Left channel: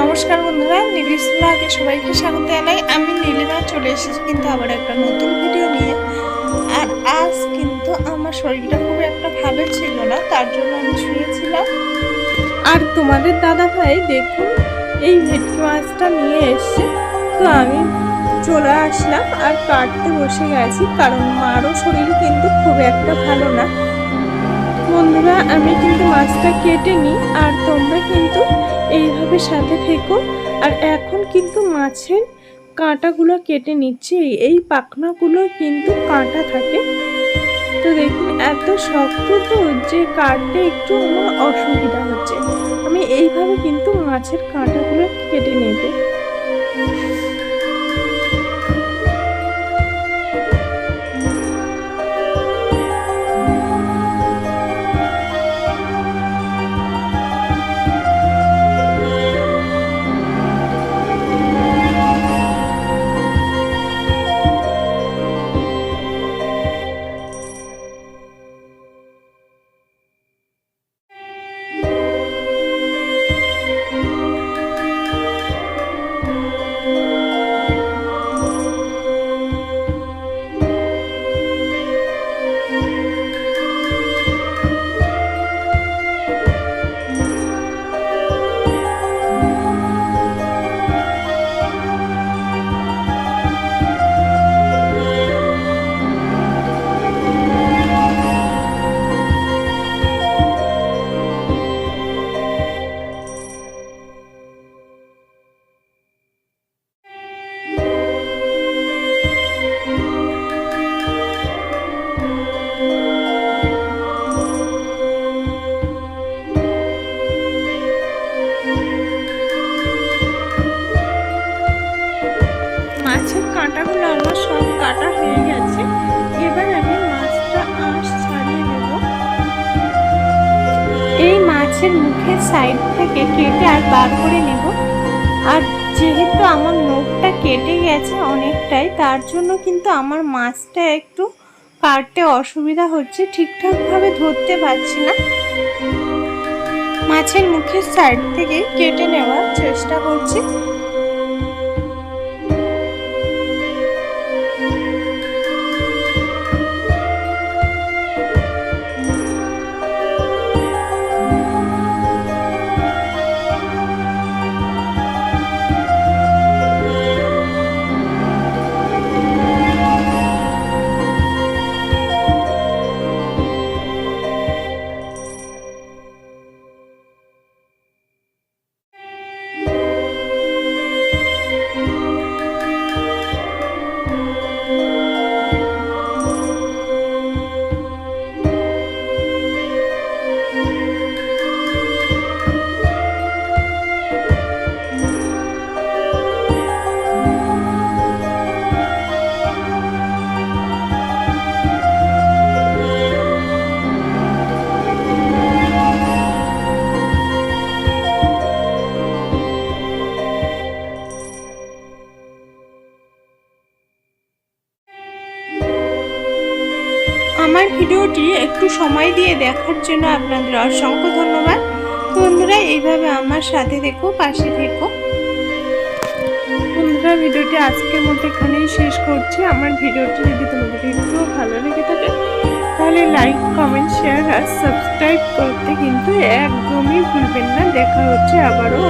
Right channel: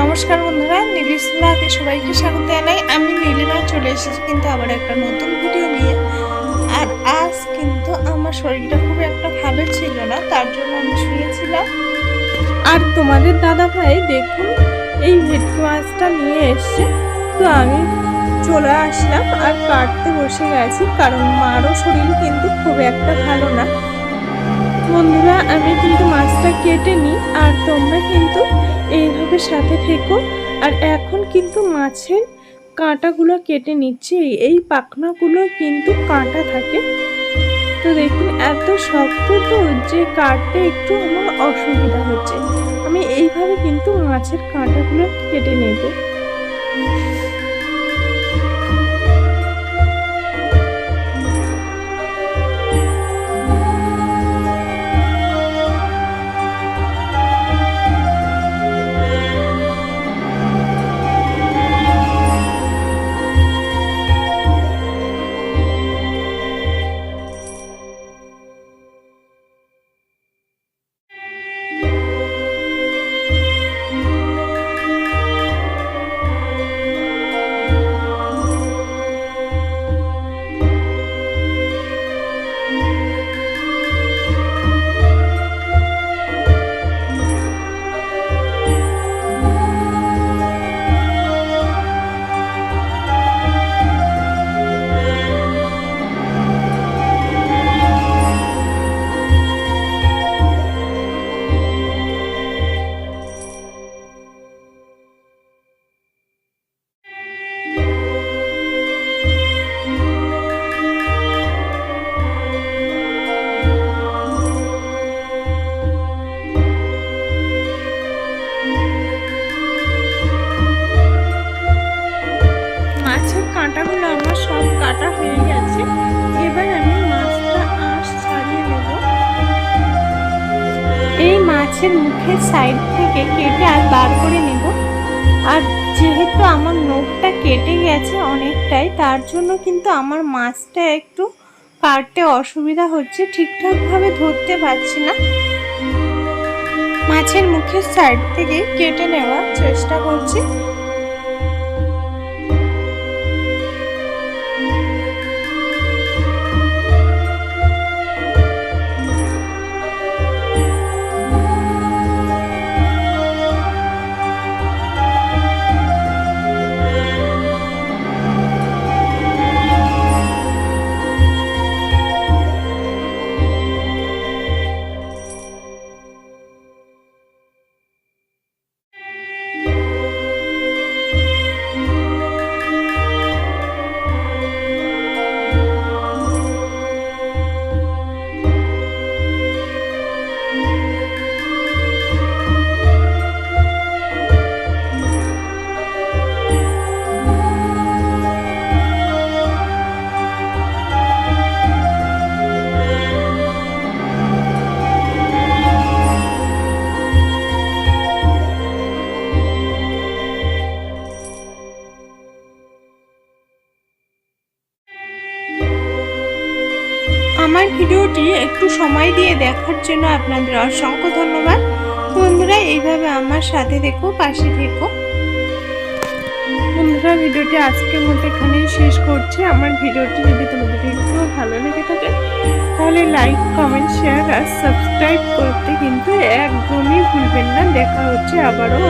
নমস্কার বন্ধুরা, নীলিশ ব্লগে সবাইকে স্বাগত জানাই। আমি নীলিমা, চলে এসেছি কিন্তু আবার একটা নতুন ভিডিও নিয়ে। আর আজ কিন্তু আমার শরীরটা খুব একটা ভালো ছিল না, তার জন্য আমি শুয়েছিলাম। আর তোমাদের দাদা ভাই, দেখুন, এই ভেটকি মাছটা নিয়ে এসছে। তো আমি চলে আসলাম আর কাটতে বসে গেছি, কারণ মারও শরীর কিন্তু খুব একটা ভালো না। বন্ধুরা, আমি কিন্তু মাছটা কেটে নিই, আর তোমরা কিন্তু এইভাবে সাথে থেকো। আর এখন কিন্তু মাছের কাঁটাগুলো কেটে নিচ্ছে। এই পাখনাগুলো কিন্তু কাঁটা থাকে। তো দেখুন, এত শক্ত তো যে কাটতে একটু আমার অসুবিধা হচ্ছে। আমি এইভাবে কিন্তু মাছের কাঁটাগুলো কেটে নেব। কাঁটাগুলো আমার সব কাটা হয়ে গেছে। এবার আমি মাছটা আঁশ ছাড়িয়ে নেব। এই মাছের মুখের সাইড থেকে কেটে আর বার করে নেব। আর যেহেতু আমার নখটা কেটে গেছে অনেকটাই, তার জন্য কিন্তু আমার মাছটা একটু কাটতে অসুবিধা হচ্ছে। ঠিকঠাকভাবে ধরতে পারছি না। মাছের মুখের সাইড থেকে কেটে নেওয়ার চেষ্টা করছি। আমার ভিডিওটি একটু সময় দিয়ে দেখার জন্য আপনাদের অসংখ্য ধন্যবাদ। বন্ধুরা, এইভাবে আমার সাথে দেখো পাশে থেকো। বন্ধুরা, ভিডিওটি আজকের মতো এখানেই শেষ করছি। আমার ভিডিওটি যদি তোমাদের একটু ভালো লেগে থাকে, তাহলে লাইক কমেন্ট শেয়ার আর সাবস্ক্রাইব করতে কিন্তু একদমই ভুলবেন না। দেখা হচ্ছে আবারও